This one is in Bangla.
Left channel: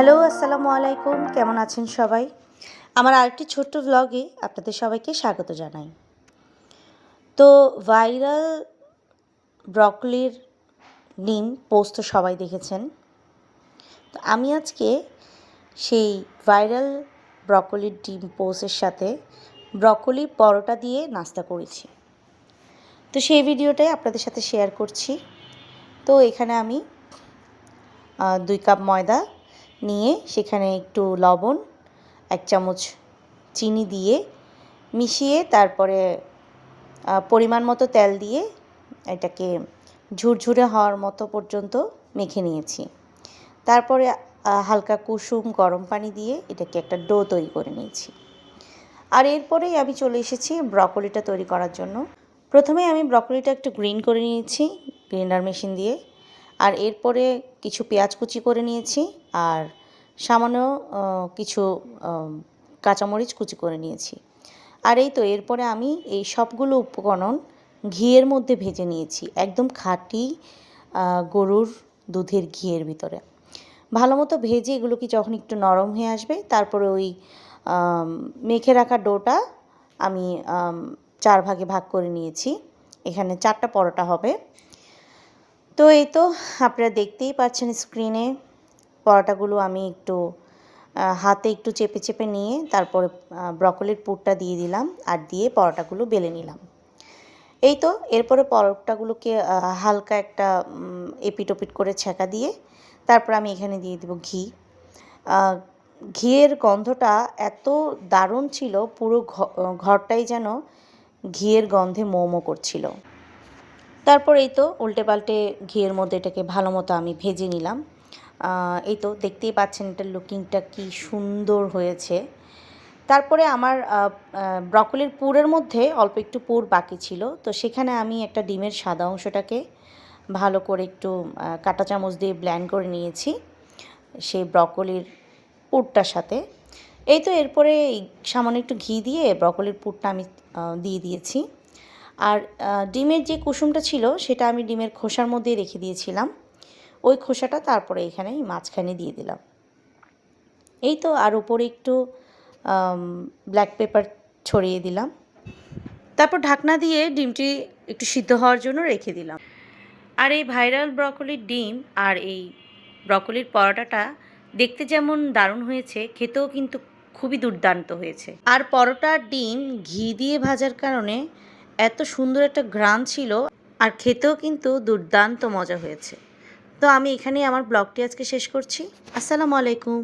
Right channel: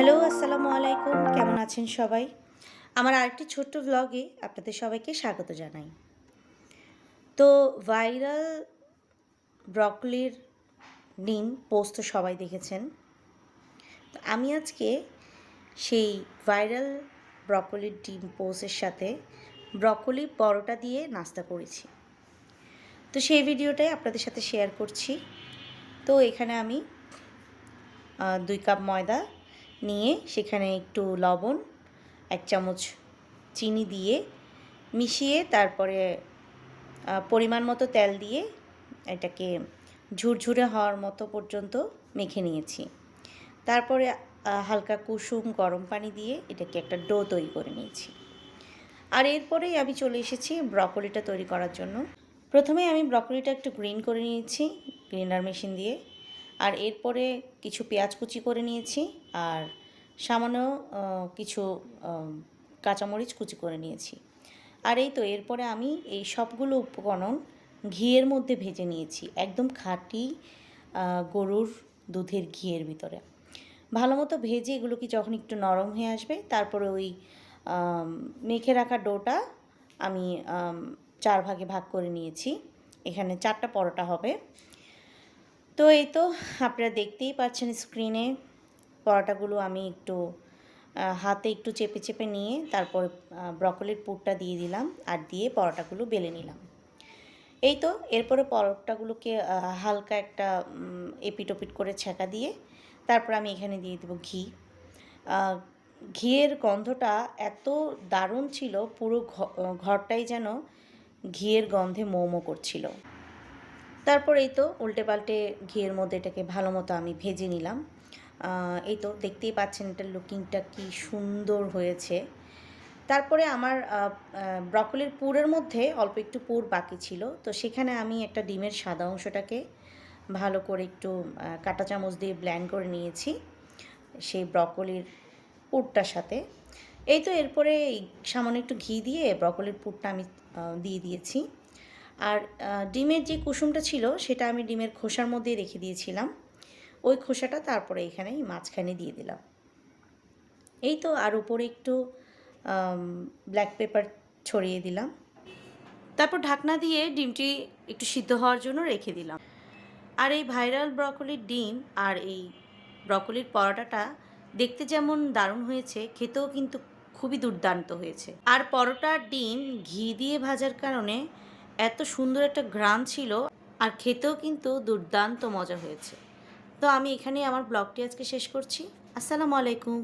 হ্যালো, আসসালামু আলাইকুম। কেমন আছেন সবাই? আমার আরেকটি ছোট্ট ভ্লগে আপনাদের সবাইকে স্বাগত জানাই। তো ভাইরাল ব্রকলির ডিম পোস্ট তো সবাই দেখেছেন। তো আমি আজকে সেই ভাইরাল ব্রকলির ডিম পোস্টের সাথে ব্রকলি পরোটা দিয়ে নাস্তা করেছি। তো সেই ভিডিওটাই আপনাদের সাথে শেয়ার করছি। তো এখানে আমি 2 কাপ ময়দা নিয়ে সেখানে একটু লবণ, 1 চামচ চিনি দিয়ে মিশিয়ে তারপরে পরিমাণ মতো তেল দিয়ে এটাকে ঝুরঝুরে হওয়ার মতো পর্যন্ত মেখে নিয়েছি। তারপরে হালকা কুসুম গরম পানি দিয়ে এটাকে একটা ডো তৈরি করে নিয়েছি। আর এরপরেই আমি চলে এসেছি ব্রকলিটা তৈরি করার জন্য। প্রথমে আমি ব্রকলিটা একটু গ্রিন করে নিয়েছি গ্রাইন্ডার মেশিন দিয়ে। আর এরপরে কিছু পেঁয়াজ কুচি করে নিয়েছি আর সামান্য কিছু কাঁচামরিচ কুচি করে নিয়েছি। আর এই তো এরপরে আমি এই সবগুলো উপকরণ ঘিয়ের মধ্যে ভেজে নিয়েছি, একদম খাঁটি গরুর দুধের ঘিয়ের ভিতরে। ভালো মতো ভেজে এগুলোকে যখন একটু নরম হয়ে আসবে তারপরে ওই মেখে রাখা ডোটা আমি 4 ভাগে ভাগ করে নিয়েছি। এখানে 4টা পরোটা হবে। তো এই তো আপনারা দেখতেই পাচ্ছেন স্ক্রিনে পরোটাগুলো আমি একটু হাতে একটু চেপে চেপে নিয়ে তারপরে ব্রকলির পুরটা দিয়ে দিলাম আর দিয়ে পরোটাগুলো বেলে নিলাম। এই তো এরপরে পরোটাগুলোকে হালকা একটা এপিট ওপিট করে ছেঁকা দিয়ে তারপর আমি এখানে দিয়ে দেবো ঘি। ঘিয়ের গন্ধটা এত দারুণ ছিল, পুরো ঘরটাই যেন ঘিয়ের গন্ধে মো মো করছিল। তারপর এই তো উল্টে পাল্টে ঘিয়ের মধ্যে এটাকে ভালো মতো আমি ভেজে নিলাম। এই তো দেখতেই পাচ্ছেন এটার লুকিংটা কি সুন্দর হয়েছে। তারপরে আমার ব্রকলির পুরের মধ্যে অল্প একটু পুর বাকি ছিল, তো সেখানে আমি একটা ডিমের সাদা অংশটাকে ভালো করে একটু কাঁটা চামচ দিয়ে ব্লেন্ড করে নিয়েছি সেই ব্রকলির পুরটার সাথে। এই তো এরপরে সামান্য একটু ঘি দিয়ে ব্রকলির পুরটা আমি দিয়ে দিয়েছি। আর ডিমের যে কুসুমটা ছিল সেটা আমি ডিমের খোসার মধ্যেই রেখে দিয়েছিলাম। ওই খোসাটা তারপরে এখানে মাঝখানে দিয়ে দিলাম। এই তো আর উপরে একটু ব্ল্যাক পেপার ছড়িয়ে দিলাম। তারপর ঢাকনা দিয়ে ডিমটি একটু সিদ্ধ হওয়ার জন্য রেখে দিলাম। আর এই ভাইরাল ব্রকলির ডিম আর এই ব্রকলির পরোটাটা দেখতে যেমন দারুণ হয়েছে, খেতেও কিন্তু খুবই দুর্দান্ত হয়েছে। আর পরোটা আর ডিম ঘি দিয়ে ভাজার কারণে এত সুন্দর একটা ঘ্রাণ ছিল আর খেতেও কিন্তু দুর্দান্ত মজা হয়েছে। তো আমি এখানেই আমার ব্লগটি আজকে শেষ করছি। আসসালামু আলাইকুম।